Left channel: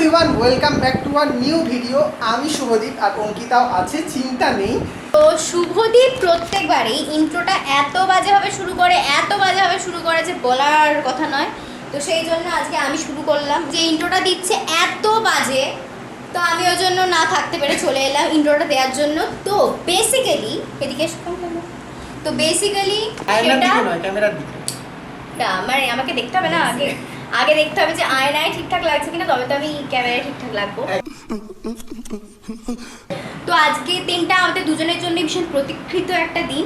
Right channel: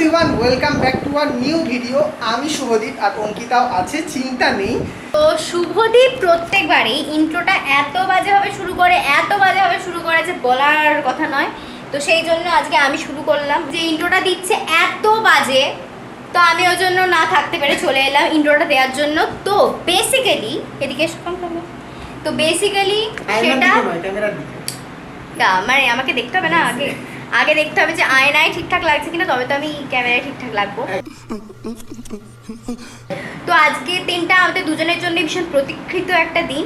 Everyone welcome back to our new video আমি শুভদীপ আর অঙ্কিতাও আছে চিন্তা নেই। তো শুভদীপ প্রত্যেকবারই ইন্ট্রোটা এত বাজেভাবে শুরু করে এত বাজেভাবে শুরু করে যে বলার কথা নয়। তো সেই জন্য আজকে আমি শুরু করলাম। যে ইন্ট্রোটা দিচ্ছে এত বাজে তো আমি ওই জন্য না থাকতে পেরে চলে এলাম ইন্ট্রোটা দেওয়ার জন্য। তো বেসিক্যালি এদিকে. তো বেসিক্যালি সেটা মানে আমাকে দেখতে হবে না আগে? আগে দেখতে হবে যে আয়নায় ঠিকঠাক লাগছে কিনা তবে তো আমি ক্যামেরায় ঠিকঠাক লাগবো। তো আজকে দিনটা আমাদের দুজনের জন্য ভীষণ প্রতীক্ষিত একটা দিন।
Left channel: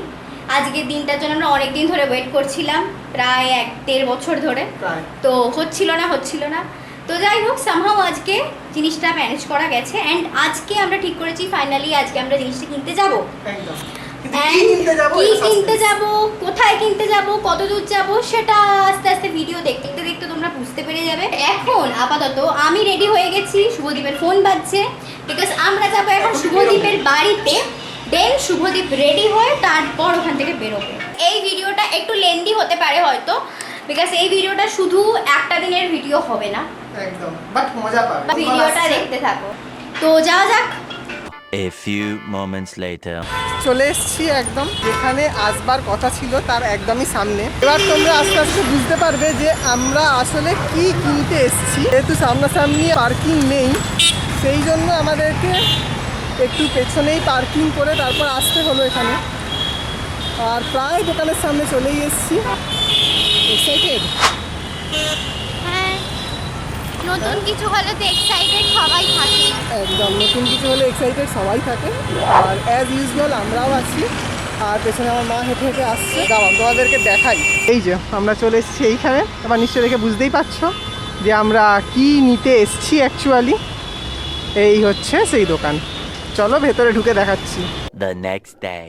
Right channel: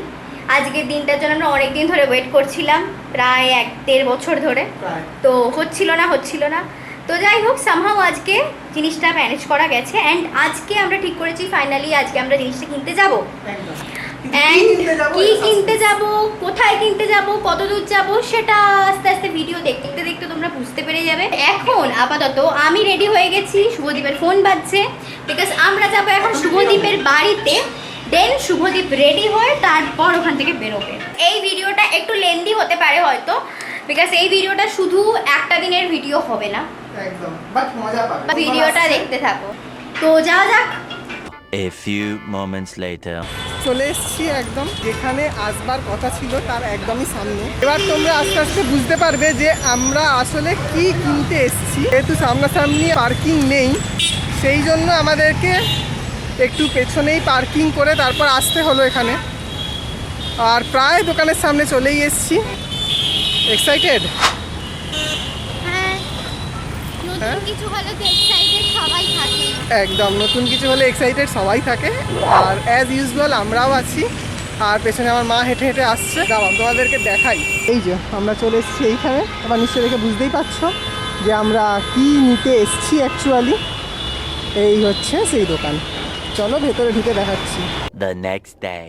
আজকে দিনটার জন্য আমরা অনেক দিন ধরে ওয়েট করছিলাম প্রায় এক দেড় বছর ধরে। তো হচ্ছিল না হচ্ছিল না। তো যাই হোক সামহাও আজকে জিনিসটা ম্যানেজ করা গেছে। অ্যান্ড আজকে আমরা ঠিক করেছি ফাইনালি আজকে আমরা জিনিসটা কিনতে যাব। কি কিনতে যাব কোথায় কিনতে যাব কত দূর যাব সেটা আস্তে আস্তে ভিডিও দেখতে তোমরা বুঝতে পেরে যাবে। এখন আপাতত আমি রেডি হয়ে গেছি। শুভদীপের ফোন বাজছে। বিকজ আমরা যাব এখন শুভদীপের বাড়িতে। দেন শুভদীপ রেডি হয়ে তারপর ওখান থেকে বেরোবে। এই ভিডিওটা একটু লেন্দি হতে পারে হয়তো। বিকজ এই ভিডিওটা শুধু একটা দিনের ভিডিও হবে না। একদম। বাট মজা পাবে। ভিডিওটা দেখতে থাকো। তো যাওয়া যাক। A few moments later. চলে এসেছি একদম যেখানে আসবার কথা ছিল তার একদমই সামনে। এবার তোমরা আস্তে আস্তে বুঝতে পারবে যে আমরা আসলে কি কিনতে এসেছি। যেহেতু সামনাসামনি পার্কিং নেই, সেই জন্য আমাদেরকে একটু পেছনেই পার্কিং করে তারপর আসতে হলো এখানে। আর প্রায় দোকানের সামনে চলেই এসেছি। এক্সাইটেড নতুন হ্যাঁ? কিছু হলে তো এক্সাইটেড সবাই থাকে। একদম নতুন কিছু হলে এক্সাইটেড সবাই থাকে। আর অ্যাজ ইউজুয়াল আমরাও আছি। আর পেছনে আমার মা হেঁটে হেঁটে আসছে। দাঁড়াও তোমাদেরকে দেখাই। এই যে আমরা চলে এসেছি এইখানে। এবার নিশ্চয় দেখে বুঝতেই পারছ যে আমরা কি নিতে এসছি অ্যাকচুয়ালি এই হচ্ছে সেই দোকান। চলো ভেতরে ঢুকে দেখাচ্ছি। The next day.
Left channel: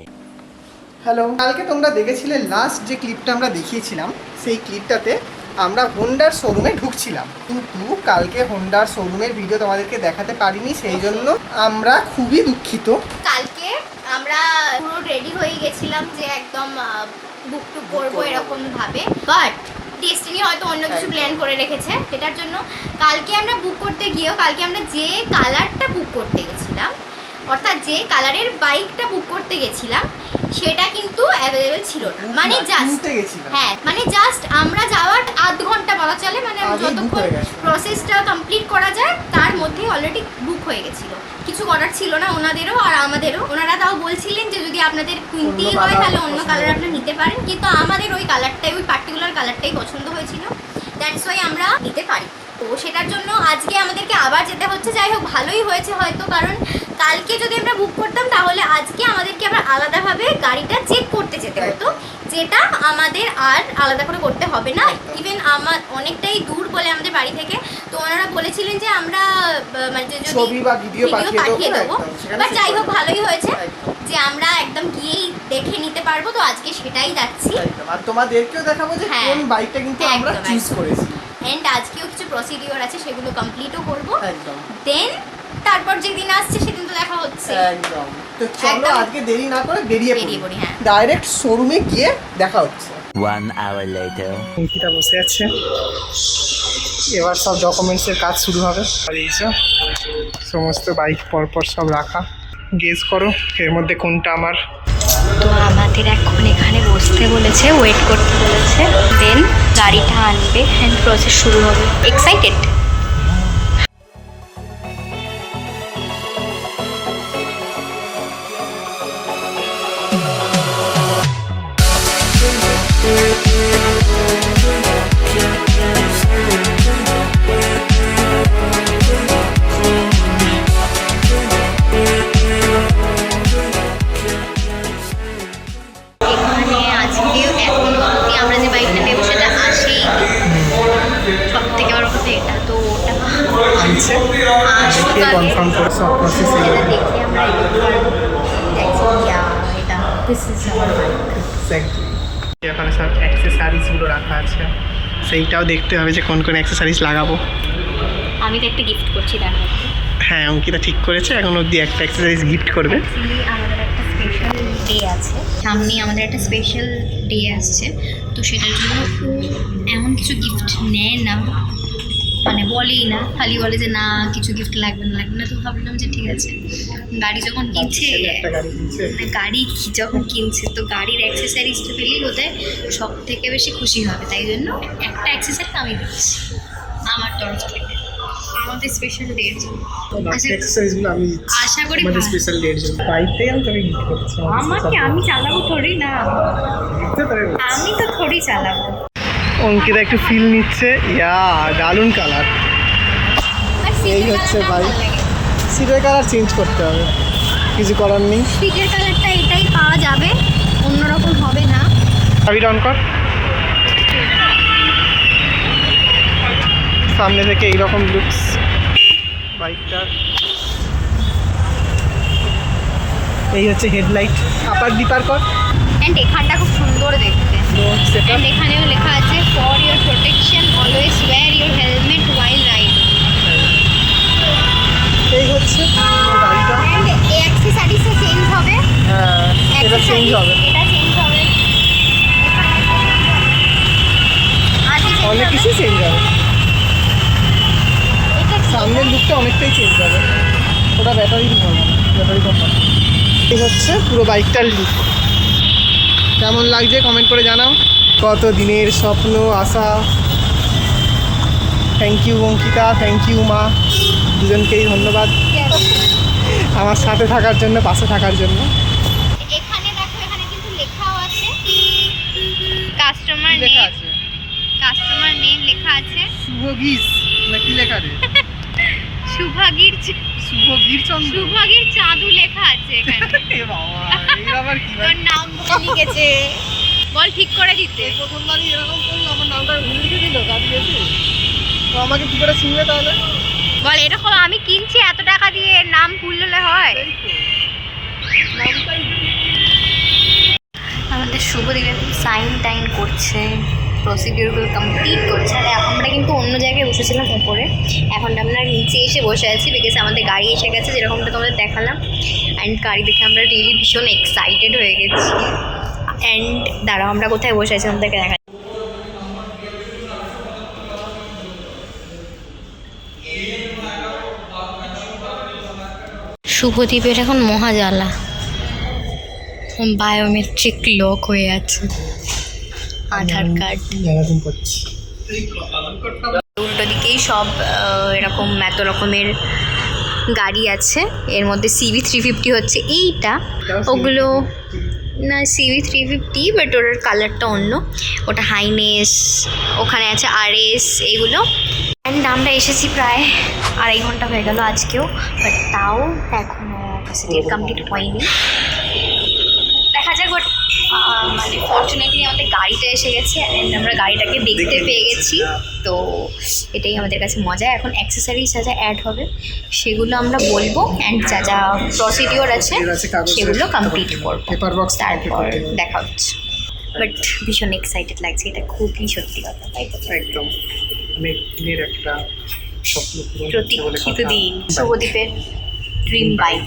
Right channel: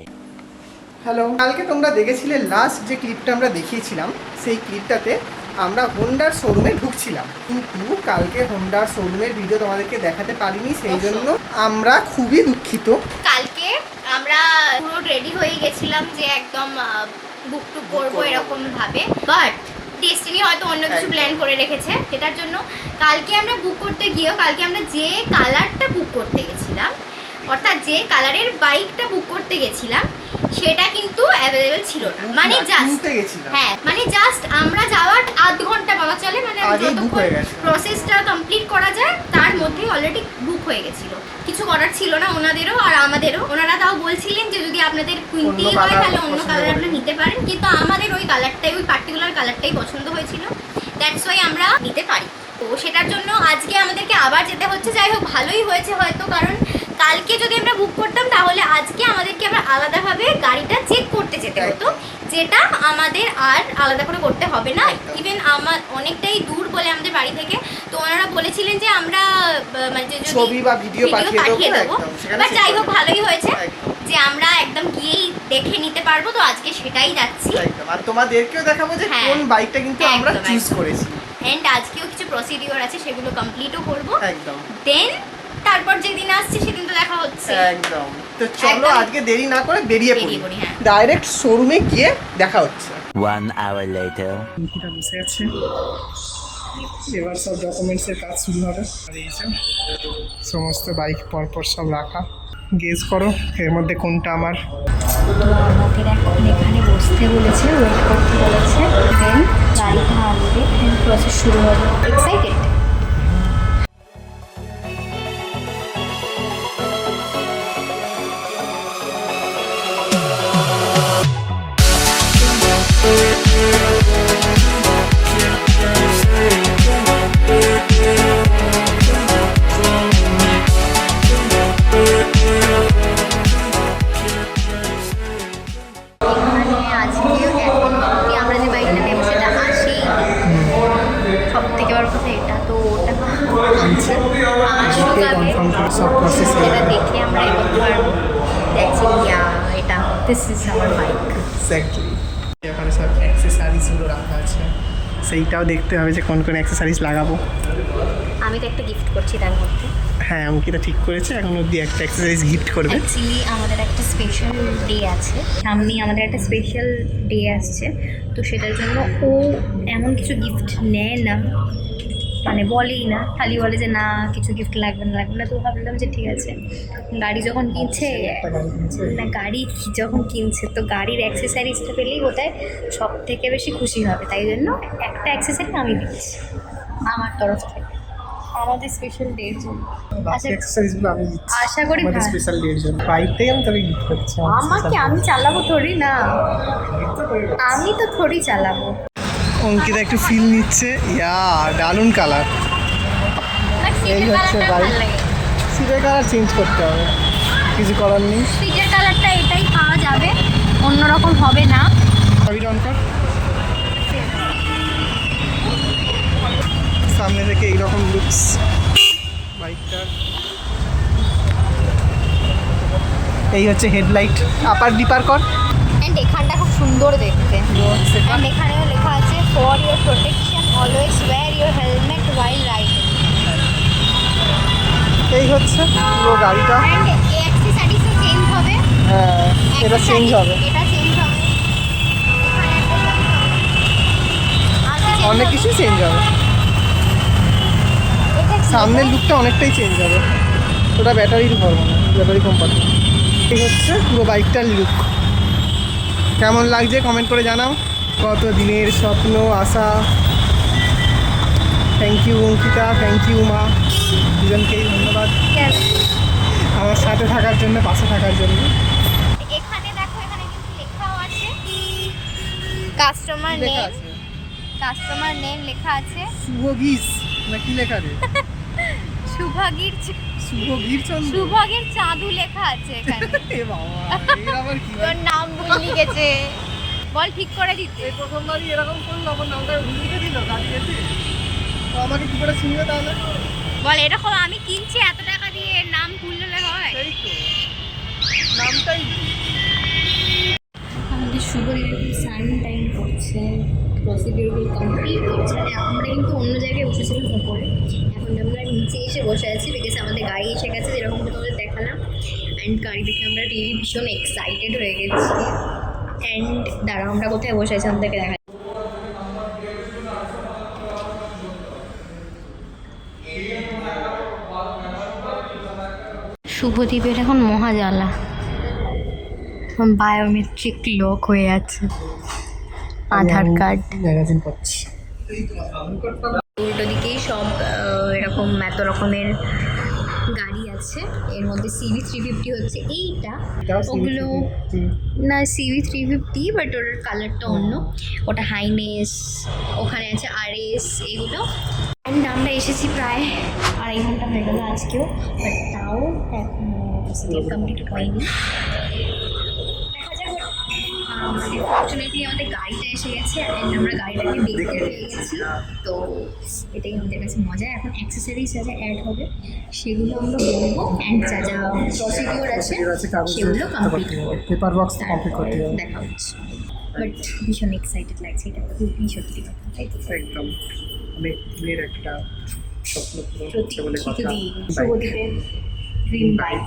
হ্যালো কালকে তোমরা দেখেছিলে লাস্ট যে ক্লিপটা আমরা দেখিয়েছিলাম সেই ক্লিপটাতে আমরা হোন্ডার শোরুমে ঢুকছিলাম। কিন্তু কালকে হোন্ডার শোরুমের ভিডিও তোমাদেরকে দেখাতে পারিনি সেই জন্য আমরা খুবই দুঃখিত। কালকে আমরা পুরো রেডি হয়ে গেছিলাম যে একদম বুক টুক করব। এরকম ভাবে বাট ডেস্টিনি হয়তো অন্য কিছু প্ল্যান করে রেখেছে সেটার জন্য কালকে আমরা বুক করতে গিয়েও কালকে আমরা যে কালারটা বুক করতে গেছিলাম অর্থাৎ যে কালারের বাইকটা বুক করতে গেছিলাম সেটা কিন্তু অ্যাভেলেবেল ছিল না। মানে জাস্ট হ্যাঁ মানে জাস্ট আমরা যাওয়ার আধ ঘণ্টা বাবা চলে মানে যতক্ষণ প্রসেসটা কমপ্লিট করা যায় তার মধ্যে অলরেডি বুক হয়ে গেছিল। কিছু করার ছিল না ওনাদেরও আর আমাদেরও। ওনারা তাও বলছিলেন যে যদি আপনাদের কিনতেই অন্য হয় তাহলে অন্য কালার করে। আপনারা নিতে পারেন। কিন্তু আমাদের ওই কালারটাই ওই পার্টিকুলার কালারটাই পছন্দ হয়েছিল। দ্যাটস ওয়াই আমরা নিতে পারি। তো সেটার জন্য আজকে আমাদেরকে আবার যেতে হচ্ছে। যাই হোক ভালোই হয়েছে হয়তো কারণ কালকে যদি আমরা বুক করতাম তাহলে আজকে আমাদেরকে আবার আলাদাভাবে গাড়িটা চেক করতে যেতে হতো। যেটা আমাদের আর আলাদা করে করতে হবে না। ইভেন আমার অনেকটাই দূর বলে আমাদের বাড়ি থেকে তো ওনারা বলেছিলেন যে আমরা মানে ছবি বা ভিডিও পাঠিয়ে দেবো check যাই হোক ভালোই হয়েছে যে আমরা একদম গিয়েই দেখে নিতে পারব তো আজকে সেটাই যাচ্ছি। আর তোমাদেরকেও দেখাবো যে হ্যাঁ। কোন বাইকটা কিন্তু আমরা চুজ করেছি। অ্যান্ড আজকেও কিছু প্রসিডিওর আছে সেগুলো কমপ্লিটও করব। একদম। দেন তারপর যেদিন আসছে সেদিন তো দেখা হচ্ছে। একদম। তো চলো আজকে দেরি না করে বেরিয়ে পড়ি। হ্যাঁ। ডাইরেক্ট শোরুমে গিয়ে দেখা হচ্ছে। One hour later. অঙ্কিতা বসে আছে। এবার সব ডকুমেন্টসের কাজ শুরু হবে। আর এই যে সমস্ত বাইক পরপর সব রাখা। গেস করো এর মধ্যে কোনটা আমার? তো আমাদের এখন এখানে বসতে বলেছে ওয়েট করতে বলেছে। দেন গাড়িটা আনবে হ্যান্ড প্রসেস শুরু হবে। এক্সাইটেড আনছে। কনফার্ম করে সব প্রসেস এটা this is our bike exactly অ্যাক্সেসারিজগুলো রাখা আছে। সেইটাও দেখতে হবে যে কোন কোন অ্যাক্সেসারিজ লাগাবো। আমি তো একটা গিফট করছি তার মধ্যে। হ্যাঁ অঙ্কিতা ঠিক করেছে। এখন অবধি একটা এক্সারসাইজ গিফট করবে। অ্যাকচুয়ালি আমাদের একটা স্পেশাল ডে আছে। সামনে আমাদের একটা স্পেশাল ডে আসছে। তো সেটার জন্য ও এমন কিছু গিফট নেয় না। মানে বলেই না খালি বলে যে না কিছু গিফট লাগবে না লাগবে না। তো ভাবলাম যে ঠিক আছে গাড়ি যখন কিনছে না গাড়ি যখন কিনছে তো গাড়ির অ্যাক্সেসারিজটা পেলেই বোধহয় সব থেকে বেশি খুশি হবে। তাই জন্য একটা অ্যাক্সেসারি আমি দিচ্ছি আমার তরফ থেকে। আমাদের স্পেশাল জন্য। আচ্ছা আমি আশা করি আমাদের স্পেশাল ডে এর জন্য। আমি তোকে গিফট করছি আমাকে আমি চালাবো থোড়ি না। আমি তো থোড়ি চালাবো। অঙ্কিতা একটু ফিল নিচ্ছে। ইয়া দারুণ কালার এই হচ্ছে বাইক। সিটের কালার চেঞ্জ করতে হবে। কিছু করার নেই। সিটের কালারটা এটাই পাওয়া যাবে। অন্যরকম হবে না। চাবিটা অন কর। সামনে থেকে এইরকম লুকস বাইকটার এই হচ্ছে হেডলাইট আপার ডিপার কর। অ্যান্ড এখানটা খুব সুন্দর দেখতে। এখানেও এই হচ্ছে পুরো গাড়িটা। হ্যাঁ এটা চেঞ্জ হবে। অনেক? কিছু চেঞ্জ হবে। সামনের লুকটা অনেকটাই চেঞ্জ হবে। ওটা ব্যাটারির ভরবো না ব্যাটারি কোম্পানি এই হচ্ছে পুরো বাইকটার লুক কেমন লাগছে কমেন্ট করে জানাও। কত দিনের স্বপ্ন আশা। Thank you Ankita. Thank you মা। দুজনকেই ধন্যবাদ। আমার সাথে থাকার জন্য পাশে থাকার জন্য। এখানে দেখো এখানে কিন্তু লেখাও আছে। কাস্টমার নেম কাস্টমার নেম লেখা আছে। শুভ না কি লেখা রে? সুভাগীর চ- চন্দ্র। চাঁদু লেখা আছে এখানে। এ বাবা এর আবার কি তোর নাম ভুলে গেছে। বল ঠিক করে দিতে। প্রথমবারই এরকম করল আমার নামটা ভুলে দিল গাড়ি এসে তো আমাকে কি করে চিনবে তাহলে? বল এরকম আমি কিনছি এত টাকা দিয়ে নাম ভুললে হয়। আমাদের শুভদীপে সাইন টাইন করছে প্রসিডিওরগুলো কমপ্লিট করছে আর আমরা কিন্তু অন্য জায়গায় বসেছিলাম উপরে এখন আমরা নিচে এসে বসে আছি বিকজ আমাদের গাড়ি এসে গেছে যেরকমটা তোমাদের দেখালাম। অ্যান্ড গাড়ি দেখে আমরা রিয়েলি ভীষণ এক্সাইটেড হয়ে গেছি। অ্যান্ড দাঁড়াও আমরা কোথায় বসে আছি আমাদেরকে দেখা শুভদীপের এখন মহাজালা। বায়োমেট্রিক লক হয়ে আছে। আধার কার্ড। ম্যাগাজিন পড়ছি। উল্টো দিকেই সব এরকম এত রকমের গাড়ি আছে। এর মধ্যে সিভি থ্রি ফিফটি হচ্ছে এইটা। ওগুলো না সিভি থ্রি ফিফটি বাট ওর কালারটা অন্য। ওটা হাইনেস ওখানে আছে আর এস এইগুলো অ্যান্ড আমরা এসেছি প্রায় আড়াই ঘণ্টা হয়ে গেল আজকেও বাট তাও এখনও কমপ্লিট হয়নি। দেখা যাক বাট মানে ফর্চুনেটলি আমাদের গাড়িটা এসে গেছে অ্যান্ড আমরা গাড়িটাকে দেখতে পেয়ে গেছি। তো এটাই আমাদের কাছে মজা। এখন অ্যাক্সেসরিজ যা যা অ্যাড হবে সেগুলো আমরা বলব অ্যান্ড যা যা প্রসিডিওর আছে সেগুলো কমপ্লিট। করব। তারপর দেখা হচ্ছে। বাট ভীষণ এক্সাইটেড লাগছে এটা খুবই সত্যি কথা তাই তো? একদম। অনেক দিনের একটা স্বপ্ন পূরণ প্রতীক্ষিত দিন শুভদীপের ড্রিম বাইক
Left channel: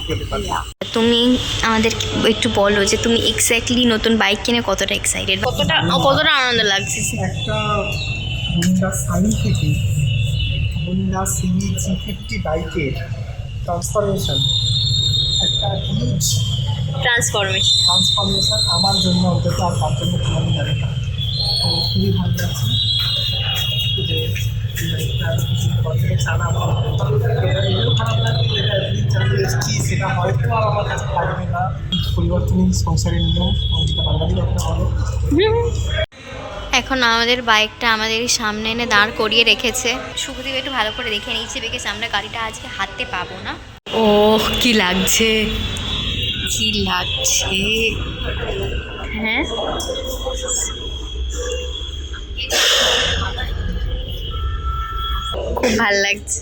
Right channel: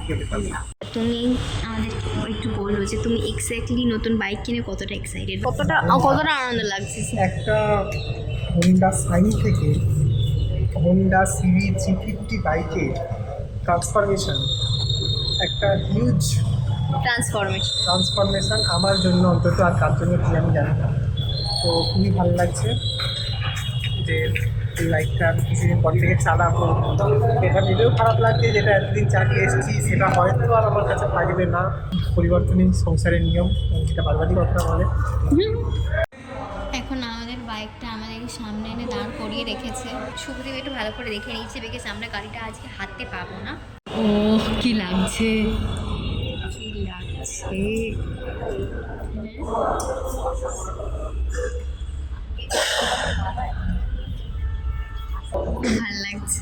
তুমি আমাদের একটু বলো যে তুমি এক্স্যাক্টলি নতুন বাইক কিনে কতটা এক্সাইটেড কতটা কতটা আনন্দ লাগছে? একটা হোন্ডা সাইন থেকে হোন্ডা সিভি জি ফিফটি বাইকের ট্রান্সফরমেশন একটা হিউজ ট্রান্সফরমেশন ট্রান্সফরমেশন আমার জন্য অন্তত আর কার জন্য কি আমি জানি না। তো খুবই ভালো লাগছে। যে বাইকটা আমি কিছুদিন পর থেকে চালাবো এটা ভেবেও খারাপ লাগছে যেটা এতদিন চালিয়ে এসেছি সেটা হয়তো আর আমার কাছে থাকবে না। পরিবর্তনই সংসারের নিয়ম অঙ্কিতা বারবারই কথা বলে। এখন আমাদের বাইকটা আমাদের সামনে এনে দাঁড় করিয়ে রেখেছে। শুভদীপ একটু ভালো করে দেখে নিচ্ছে বিকজ আমরা গাড়িটা আজকে হাতে পাবো না। ও কি লাগছে? কি লাগছে? হ্যাঁ? খুব ভালো লাগছে।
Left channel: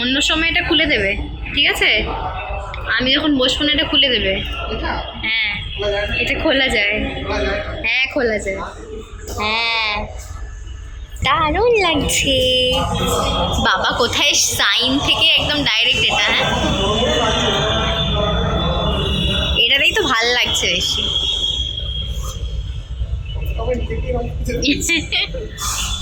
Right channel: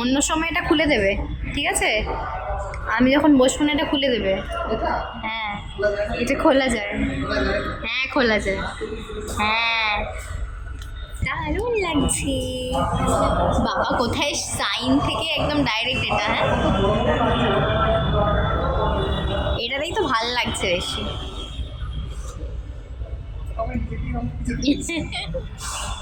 অন্য সময় এটা খুলে দেবে ঠিক আছে? আমি যখন বসবো না এটা খুলে দেবে। হ্যাঁ এটা খোলা যায়। হ্যাঁ খোলা যায়। হ্যাঁ দারুণ লাগছে। বাবা কোথায় সাইন থেকে একদম ডাইরেক্ট এটা হ্যাঁ? এটাতেই তো ভালো লাগছে বেশি।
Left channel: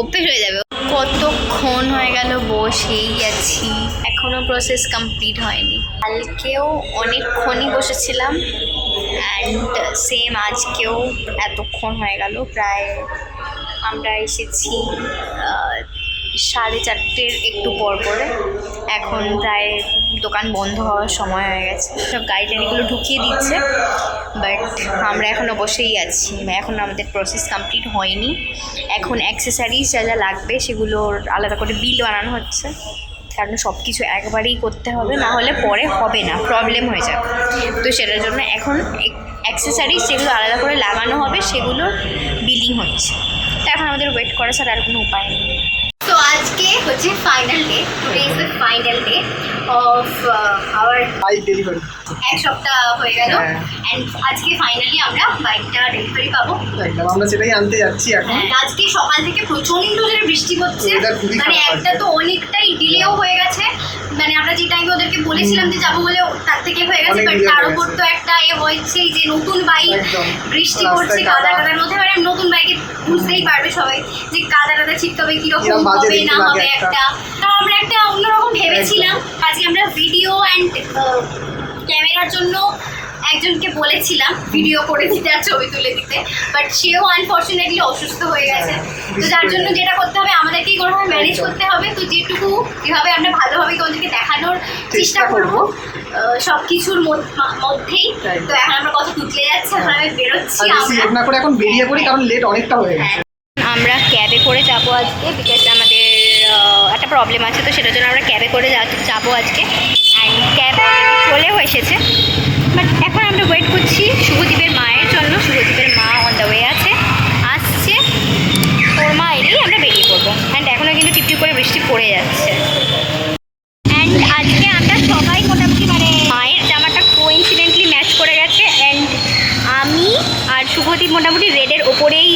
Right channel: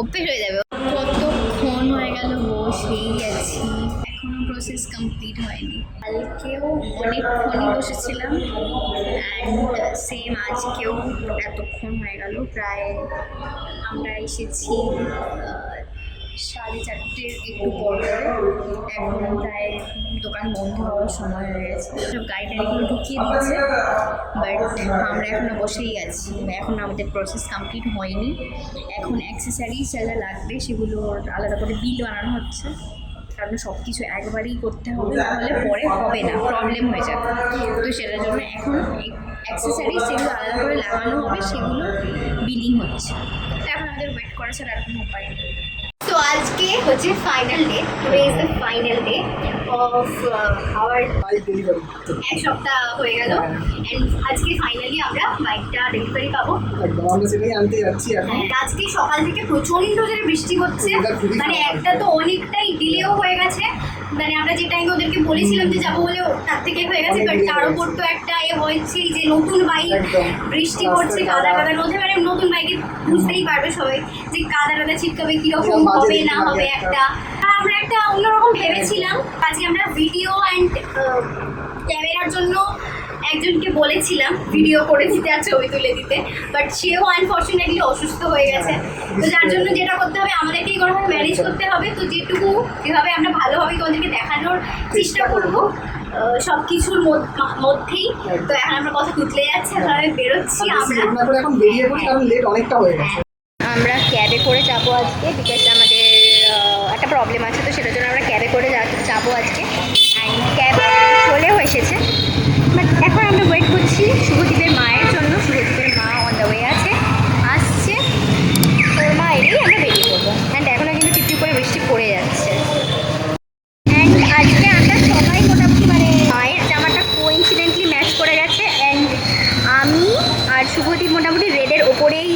অভ্যেস হয়ে যাবে। কতক্ষণ হয়ে গেল বসেই গেছি এখনও প্রসেস কমপ্লিট হয়নি। কালকেও অনেকক্ষণই বসেছিলাম অ্যান্ড সেম আজকেও এতক্ষণ হয়ে গেল। প্রায় আমরা এসেছি সাড়ে চারটের একটু পর পরে। এখন প্রায় দোকান বন্ধ হওয়ার সময় হয়ে গেছে। সব গাড়ি টাড়িগুলো ঢুকিয়ে দিচ্ছে বাট আমরা এখনও বসেই আছি। এখন আমাদের প্রসেস কমপ্লিট হয়নি। এখন অ্যাক্সেসারিজ যা যা লাগবে সেগুলোর আলাদা করে বিল বানানো হচ্ছে। কারণ সব কিছু একবারেই করতে হবে, না হলে পরে হবে না প্রবলেম হয়ে যাবে। তো সেটার জন্য এখন অ্যাক্সেসারিজ যেগুলো আলাদা করে লাগানো হবে সেগুলোর বিলিং হচ্ছে। তো এখন আমাদের ওয়েট করা ছাড়া আর কোনো উপায় নেই। আজকে হচ্ছে final day today is the final day of our bike delivery এক সপ্তাহ হয়ে গেল। এন্ড অ্যান্ড আজকে ফাইনালি আমরা বাইকটা ডেলিভারি পাবো। একদম। আমরা সেটাই আনতে যাচ্ছি এখন। হ্যাঁ, আজকে সকাল থেকে প্রচণ্ড জোরে বৃষ্টি হচ্ছে। মানে একটা তো অনেকটাই ডিলেও হয়ে গেছে। মানে আমরা যে টাইমে ওদেরকে বলেছিলাম যে যাব বলে তার থেকে হয়ে গেছে বাট তার উপর তো একটা এ হয়েছে যে নতুন বাইক বৃষ্টি পড়ছে কাদা কাদা। কাদার মধ্যে মানে নতুন বাইকে বুঝতেই পারবে সবাই যে কাদা কাদা ছিটকাবে কীরকম কীরকম হবে না হবে একটা। একটা কারণ আমরা একটা অন্যরকম ভেবেছিলাম আজকে আমরা ভিডিও অ্যান্ড ক্যামেরার জন্য একজনকে বলেছিলাম ভিডিও করে দিতে আর ছবি তুলে দিতে বাট সেও আনফর্চুনেটলি অসুস্থ হয়ে গেছে। হ্যাঁ, তো যার জন্য যেটা করতে হবে আমাদেরকেই কোনোভাবে ম্যানেজ করতে হবে। তো যেটুকু যেভাবে আমরা ভালোভাবে তোমাদেরকে দেখানোর চেষ্টা করব। সব কিছুর মধ্যেই। তো এখন আমরা কথা যাচ্ছে এখন আমি বেরোচ্ছি আমরা। এখন বেরিয়ে পড়ি কারণ লেট অনেকটা হয়ে গেছে। আমরা ক্যাবে করে যাব আজকে বিকজ আমাদের একটা প্রবলেম আছে, তো সেটার জন্য আমরা ক্যাবে করে যাব আজকে। অ্যান্ড ক্যাব চলেও এসেছে। বাট এখন আমরা ওয়েট করছি শুভদীপের মায়ের জন্য। শুভদীপের মা অন দ্য ওয়ে আছে। আসছে। ওর মা এলেই আমরা বেরিয়ে পড়ব। অ্যান্ড এখনও কিন্তু টিপটিপ করে বৃষ্টি পড়ে যাচ্ছে। অ্যান্ড আজকে আমরা সবাই মোটামুটি মানে মায়ের জামাটা কোইন্সিডেন্টলি ম্যাচ করে গেছে। অ্যান্ড আমি আর শুভদীপ মোটামুটি রেডের ওপরেই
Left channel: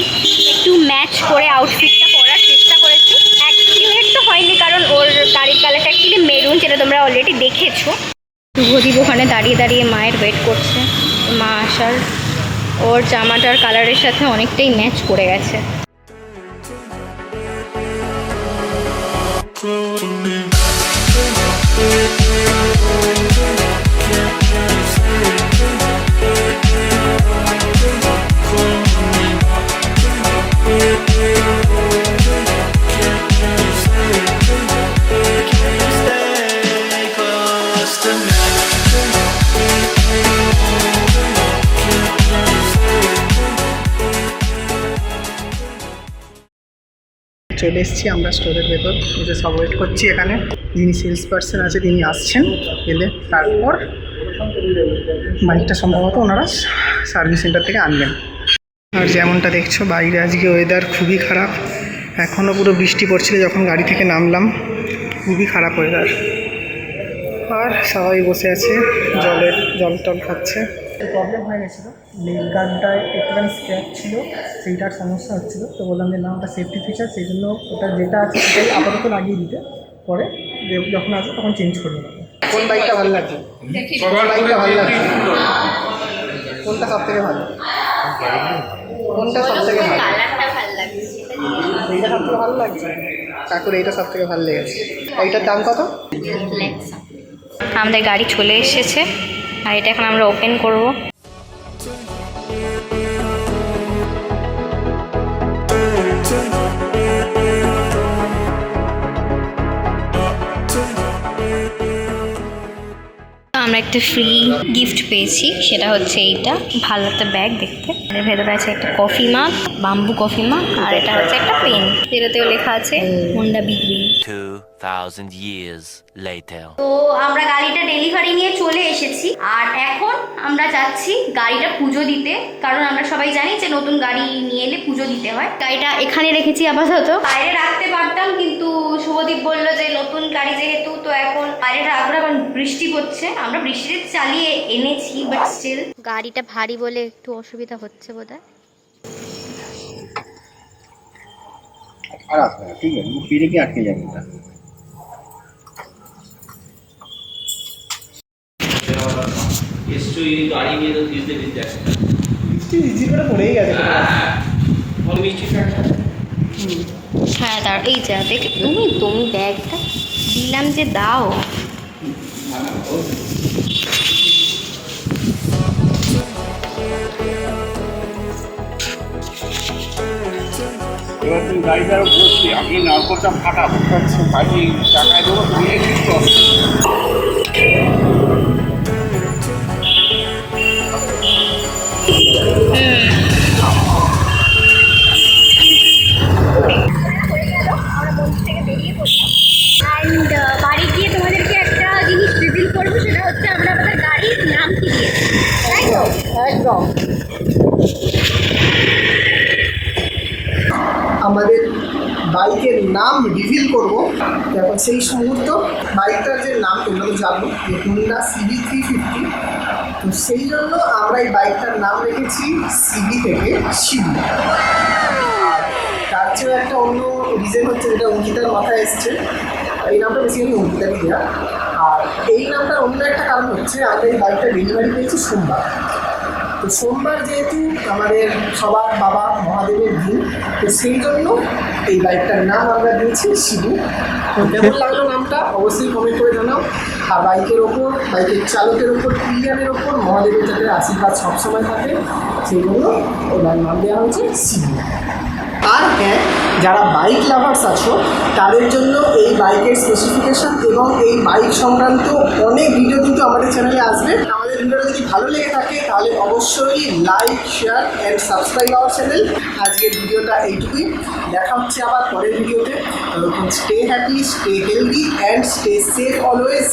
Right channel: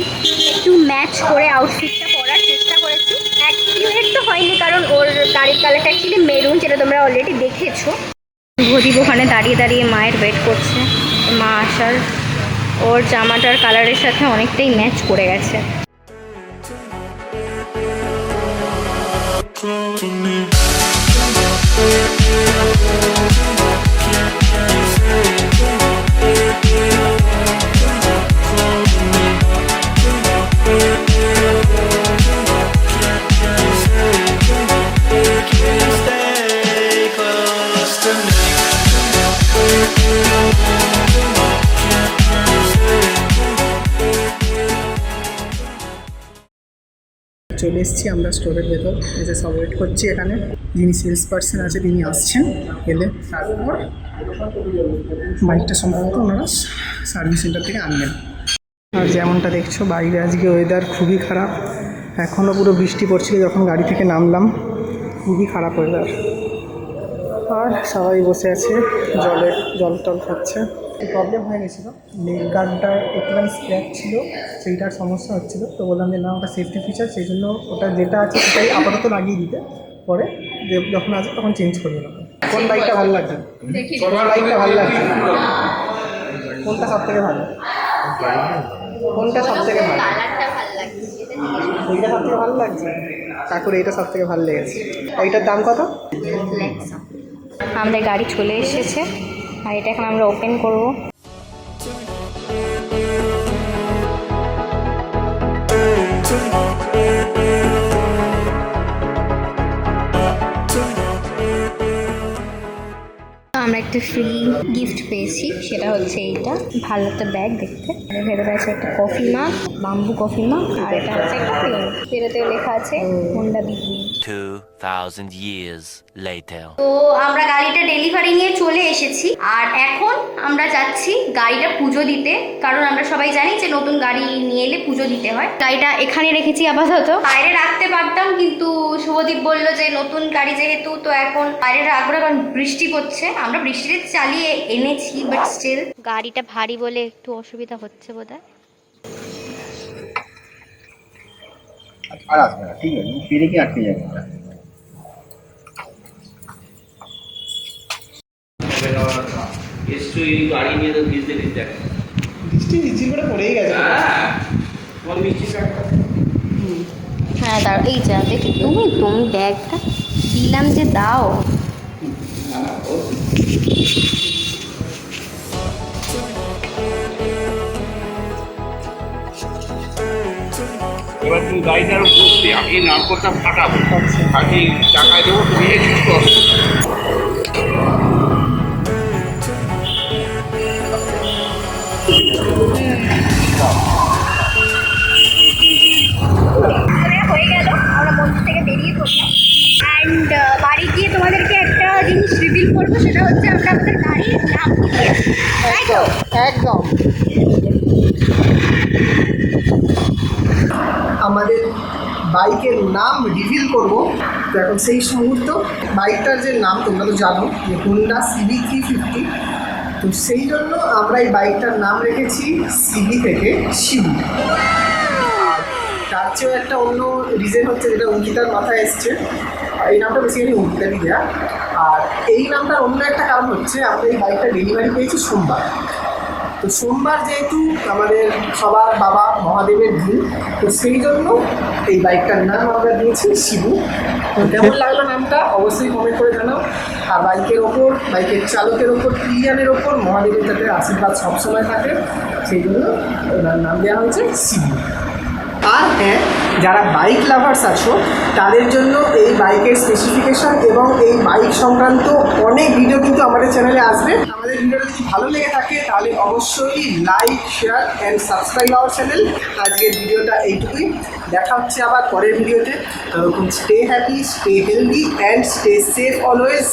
একটু ম্যাচ করে আউটফিটটা পরার চেষ্টা করেছি অ্যাক্টিভেট তো হয়নি কারণ ওর গাড়ির কালারটা অ্যাকচুয়ালি মেরুন যেটা তোমরা অলরেডি দেখেছ। শুভদীপ ওখানে দাঁড়িয়ে দাঁড়িয়ে মায়ের ওয়েট করছে। মা আসার ওর জামাটার কালারের সাথে অনেকটাই ম্যাচ করে গেছে। চলে এসেছি আমরা স্টোরের ভেতর। এসে সব ওয়েট করছি এখানে। যিনি সেলস পার্সন আছে, তিনি আসছেন এলে তারপর বাইকটা সম্ভবত ওনারা সার্ভিস সেন্টার থেকে আনবেন। আর যেমনটা দেখছ, বাইরে আজকে ওয়েদার খুবই খারাপ। এখনও পুরো বৃষ্টি পড়ছিল, যখন গাড়ি থেকে নামলাম, খুবই খারাপ ওয়েদার আর সবাই বসে আছে জলের জল টল খাচ্ছে। প্রবলেম হয়ে গেছিল। লেগ গার্ডটায় একটুখানি স্ক্র্যাচ ছিল সেইটার সমস্যা হচ্ছিল। তো বললাম যে না ওটা সেফটি ফিচার সেই জন্য ওটা যেটা আছে সেটাই আপাতত লাগিয়ে দিতে। পরে যে- যখন আসবে তখন চেঞ্জ করে নেব। কোন বাইকটা ভালো লাগছে? কোন বাইকটা ভালো লাগছে? কোনটা সব থেকে ভালো? কোনটা সব থেকে ভালো? কালারটা ভালো লাগছে এইটা সব থেকে ভালো লাগছে? কাকুর এইটা সব থেকে ভালো লেগেছে। এইটার দাম কত? আমাদের গাড়ি চলে এসেছে আর এটা এখন আমরা ওপেন করব। আমরা একটা ফ্রি গিফট পেয়েছি, সেটা হচ্ছে এইটা। ভালো একটা ব্যাগ দেখতে। এর ভেতরে আছে একটা কফি মাগ বাম্বু কফি মাগ আর এটা হচ্ছে একটা পেন। যেটাতেও লেখা আছে Honda Big Wing 2,000 years later. তো আমরা গাড়িটা ডেলিভারি নিয়ে চলে এসেছি আর এখন আমরা যাচ্ছি গাড়িটা পুজো দিতে কারণ আমরা সবাই জানি যে নতুন গাড়ি নিয়ে এলে পুজো দিতে হয়। গাড়িটা এখানে রেখেছি আপাতত। বাইরে রাখতে পারতাম কিন্তু শুভদীপ বলল যে নতুন গাড়ি যেহেতু তো এখন বাইরে রাখব না কারণ বৃষ্টি পড়ছে। আমরা বৃষ্টিতে চালিয়ে এনেছি বাট স্টিল গাড়িটা ভারী বলে একটু অসুবিধা হচ্ছে। বোধহয়? আর আসবে না ঠিক আছে পেরে কি আটকে যাবে। নিশ্চয়ই গাড়ি নিয়ে তো ভিজতে ভিজতে বৃষ্টি রিজি করে পড়েই গেছে। হ্যাঁ বল বৃষ্টি হ্যাঁ দাঁড়া এই যা দেখ তুমি তুমি ব্যাগটা দিলাম যে দাও। এবার তুমি গাড়িটার বসতে আগে নারকোলটা ফাটাবো। ফাটিয়ে টাকায় দেবো তুমি সুস্থ হয়ে গেল আমরা মন্দির থেকে বেরিয়ে পড়লাম। অ্যান্ড বাড়ি গিয়ে তোমাদেরকে একটা জিনিস রিভিল করব সেটা হচ্ছে আমরা আমাদের গাড়ির নাম দিয়েছি তাই তো? একদম। আমাদের বাইকের নাম রিভিল করব। তো এখন সেই মুহূর্ত, বাইকটার যে নাম তোমরা তো জানো, যে হুন্ডা সিবি থ্রি ফিফটি তো সেই জন্য আমরা এই বাইকটার নাম রেখেছি সিবি থেকে শিবু তার চেয়েও একটা অন্য রিজন হচ্ছে যেটা অঙ্কিতার মাথায় এসছে। এই নামটা বেসিক্যালি অঙ্কিতারই দেওয়া আর এই নামটার অন্য একটা কারণ হচ্ছে আমরা এই বাইকটা ডেলিভারি পেয়েছি সোমবার। তো সোমবার যেহেতু আমাদের সবার বাবা মহাদেবের দিন, তো সেই জন্য এই বাইকটার নাম আমরা দিয়েছি শিবু। কেমন লাগল নামটা? অবশ্যই কমেন্ট করে জানাও। আর বাইকের ওপর, বাইকের চালকের ওপর প্রিয়ানের ওপর মহাদেবের যাতে আশীর্বাদ সবসময় থাকে, সেই জন্য ওনার নাম দেওয়া হয়েছে শিবু। আর হ্যাঁ যারা বাইক লাভার্স আছো, তাদের জন্য এই বাইকের স্পেসিফিকেশন এবং এই বাইক সংক্রান্ত অনেক ভিডিও কিন্তু আমাদের চ্যানেলে আসবে। আমাদের ভিডিওটা যদি ভালো লেগে থাকে, তাহলে অবশ্যই like share and subscribe our channel আজকের ভিডিওটা এইটুকুই। দেখা হচ্ছে আবার পরের ভিডিওতে stay happy stay healthy and stay safe always